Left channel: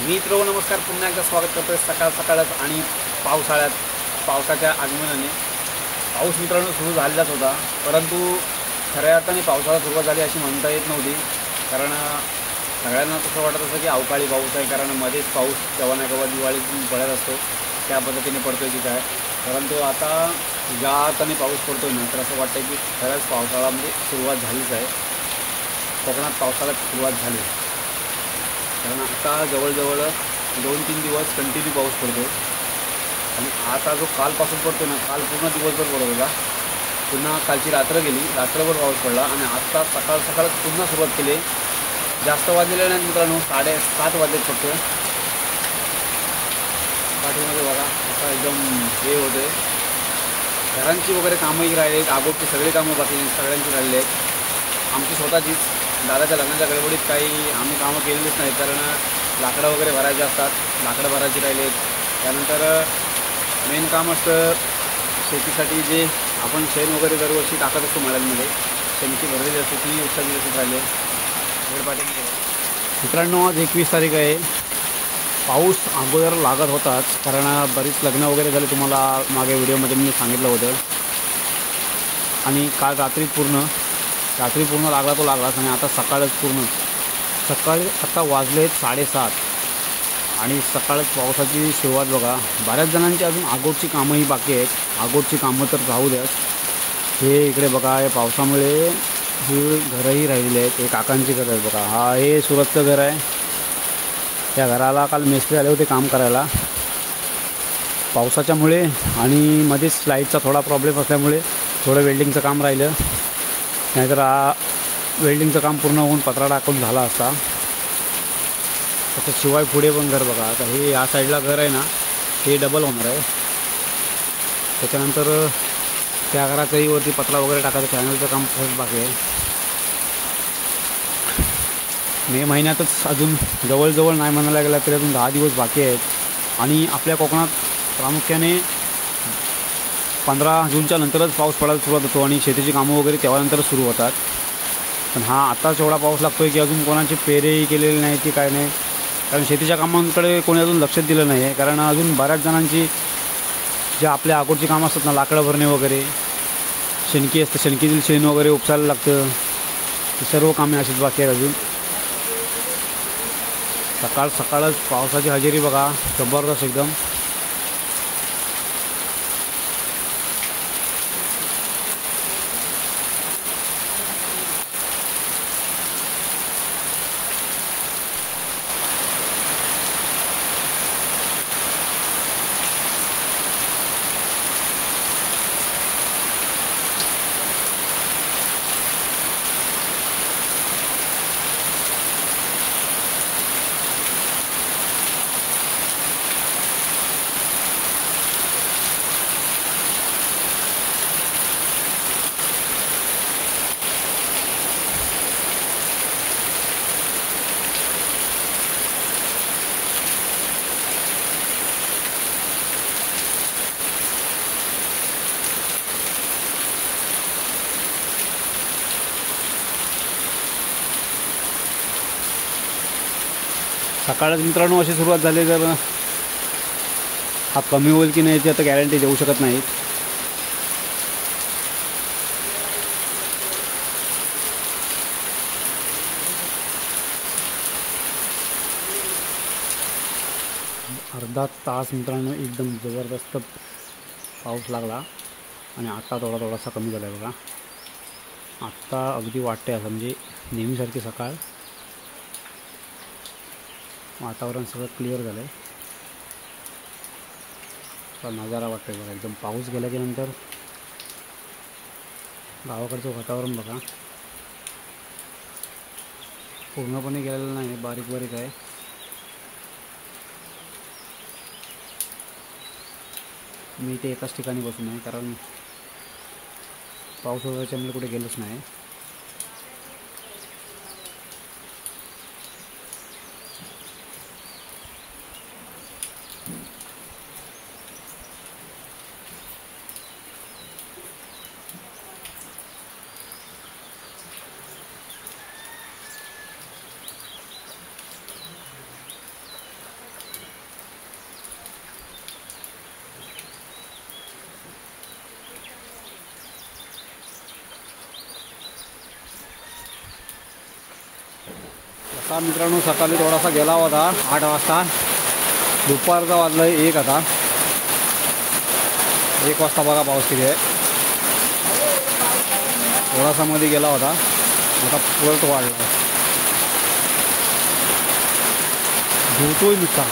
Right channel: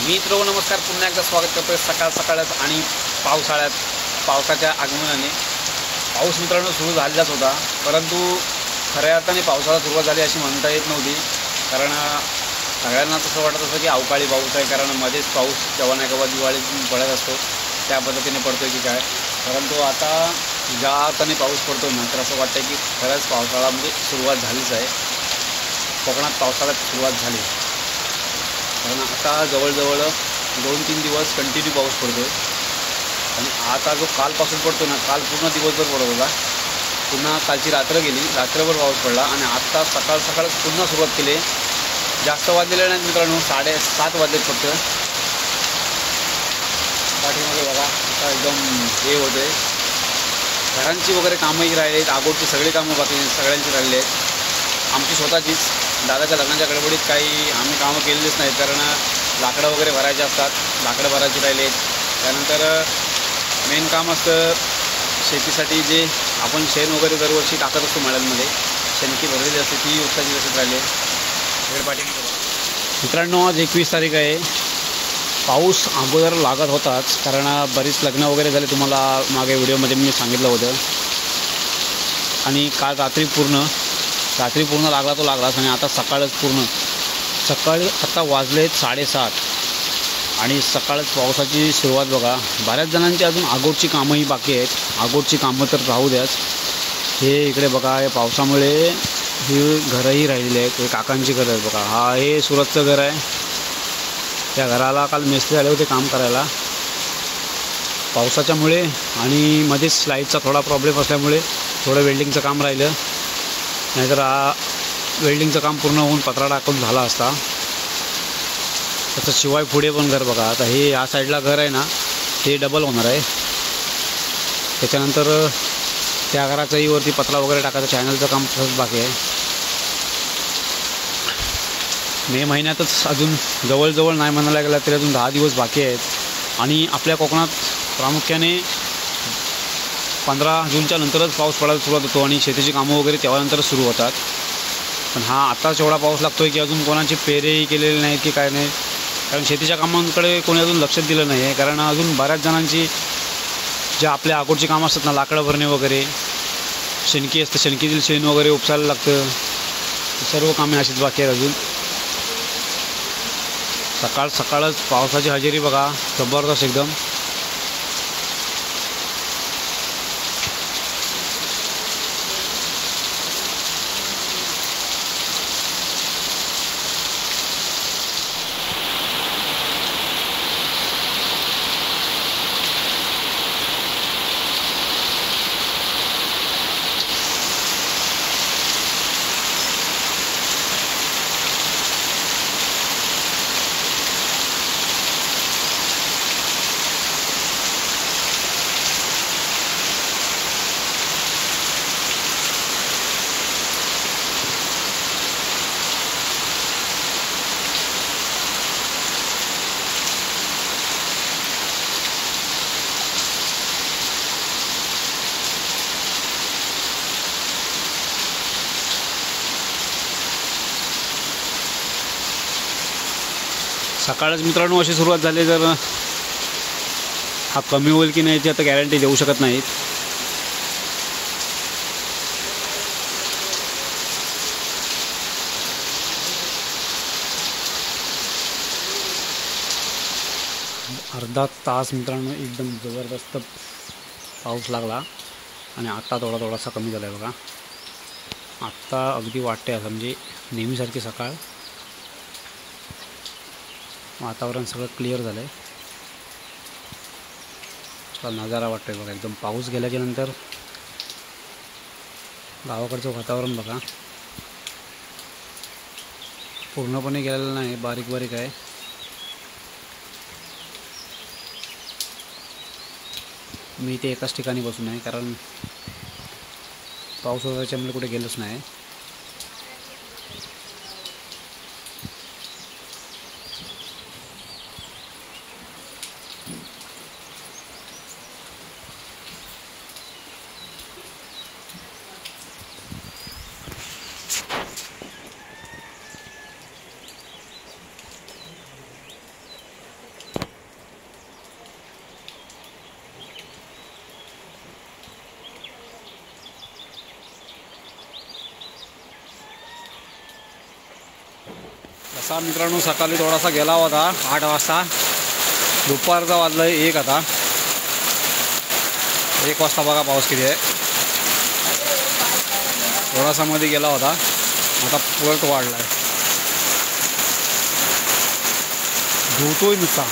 मित्र नमस्कार, पुन्हा एकदा स्वागत करतोय सकाळ सकाळच आणि पावसाच्या आगमनाने। पाऊस मित्रांनो सुरू झालेलाच होता, परंतु खऱ्या अर्थाने पावसाला सुरुवात झाली अशी म्हणता येत नव्हती। कारण सगळ्यांना तसं वाटत होतं की अवकाळी पाऊस आहे, कारण मध्येच पाऊस केव्हा ना केव्हा दिवाळीतून पडत असतो त्या पद्धतीने पडतोय की काय। परंतु आता ज्या अर्थाने पाऊस पडतोय ना, तर असं वाटतं की खरंच पावसाळा म्हणजे सुरुवात झालीच आहे। कोकणात पावसाला सुरुवात झाली, कारण आता जवळजवळ 2-3 दिवस कंटिन्यू पाऊस पडतो आणि आता जो कालपासून पडतो ना, काल पूर्ण दिवसभर पडत होता, पुन्हा कालची रात्र गेली, रात्रभर पाऊस पडला आणि आत्ता सकाळच पुन्हा सुरुवात केली। जास्त वाजलेले नाहीत मित्रांनो, 7:30 वाजलेत फक्त। पाठीमध्ये बघा आता एकदम हे होतं आहे, घरांची वगैरे कामंही राहिली आहेत, आगोटची सगळी कामं बाकी सगळ्यांची राहिली आहेत। आमची स्वतःचीच दादाच्या लग्नाच्या गडबडीत काही आम्ही कामं केलेलीच नाहीत, कारण लाकडं वगैरे भरायचे असतात, लाकडं भरायची राहिली आहेत। त्यानंतर मेन काम असतं शेतीसाठी, जे आपण शेण वगैरे दरवर्षी टाकत असतो मळ्यांमध्ये, शेणकी भरलेली असते ती उत्साची तशीच राहिली आहे। इकडे पाठीमध्ये मित्रांनो आज 21 तारीख आहे। पाऊस अगोदर लागत होताच, कारण बरीच लग्न वगैरे झाले, तुम्हाला मागे व्हिडिओमध्ये मी सांगितलं होतं। आणि काल रात्री पूर्ण लागला तो लागलाच, आणि आता सकाळी आता वाजलेत 7:30 आणि सकाळच पावसाची सुरुवात बघा। बऱ्याच जणांची अजून आगोटची कामंही बाकी आहेत, आगोटची कामं तर राहू द्याच। हे इकडे बघा, या पावसामुळे ही घरंही राहिलेली आहेत, हे काकांची घरं आहेत बघा। हा हे सुरतचं घर आहे, त्या घराला काल मिस्त्री आले होते काम करायला। पावसाच्यामुळे आणि मध्येच लाईटचा थोडा प्रॉब्लेम असल्यामुळे थोडं वेल्डिंगचं काम राहिलं, नाहीतर वेल्डिंगचं काम पूर्ण होऊन पत्रा टाकून झाला असता। तसं शिवाय पुढे पण घर बघा, आता हे या साईडला घर आहे ना, ते डबल होणार आहे। त्याच्यानंतर त्या घराच्याही वरती पत्रा वगैरे टाकायचं, चॅनलचं काम तसंच बाकी आहे। मे महिन्यातच अजून जवळजवळ नाही म्हणायला गेला तरी अजून 10 दिवस बाकी आहेत। आणि आपल्या कोकणात प्रामुख्याने 15 जूनच्या नंतरच पाऊस पडायला सुरुवात होतो आणि शेतीची कामं वगैरे तेव्हानंतरच सुरू होतात। पण हा आत्ताच एवढा पाऊस लागतो आहे की अजून कोणाची पेरेही केलेले नाहीत की काय नाही, कारण शेतीच्या कामांकडे कोणी अजून लक्ष दिलं नाही आहे। कारण अजून बऱ्याच जणांची जे आपल्या आगोटची कामं असतात ना, लाकडं भरणे वगैरे, शेणकी असतं, शेणकीतील शेण वगैरे उपसायला लागतं, सर्व कामे अशीच बाकी आहेत अजून। सकाळच पावसाची हजेरी बघा, जबरदस्त एकदम। सकाळच मित्रांनो अशी सुरुवात झाली, तर हा कमी होईल की नाही याची आता गॅरंटी देऊ शकत नाहीत। अर्धा तास मित्रांनो एकदम जबरदस्त पाऊस लागला आणि आता थोडासा कमी झाला आहे बघा। आत्ता अगदी वाटते असं, म्हणजे नेहमीसारखी सकाळ, वातावरण सगळं क्लिअर झालं आहे, असा नजारा वाटतो आहे बघा एकदम। पाऊस गेल्याच्या नंतर गावाकडचं वातावरण बघा, पूर्णपणे गेलेलं नाही, बारीक बारीक आहे। मी इथे एकाच ठिकाणी बसून आहे, कारण पाऊस वगैरेच्यामुळे कुठे गेलोच नाही। असा मित्रांनो सकाळी थोडासा गेला होता 8 वाजता, दुपारचा वाजला 1 आता. 1 वाजता बघा पाऊस किती आहे. थोडासा मध्ये गेला होता, आता पुरत वाढला आहे. धुतोय नुसता.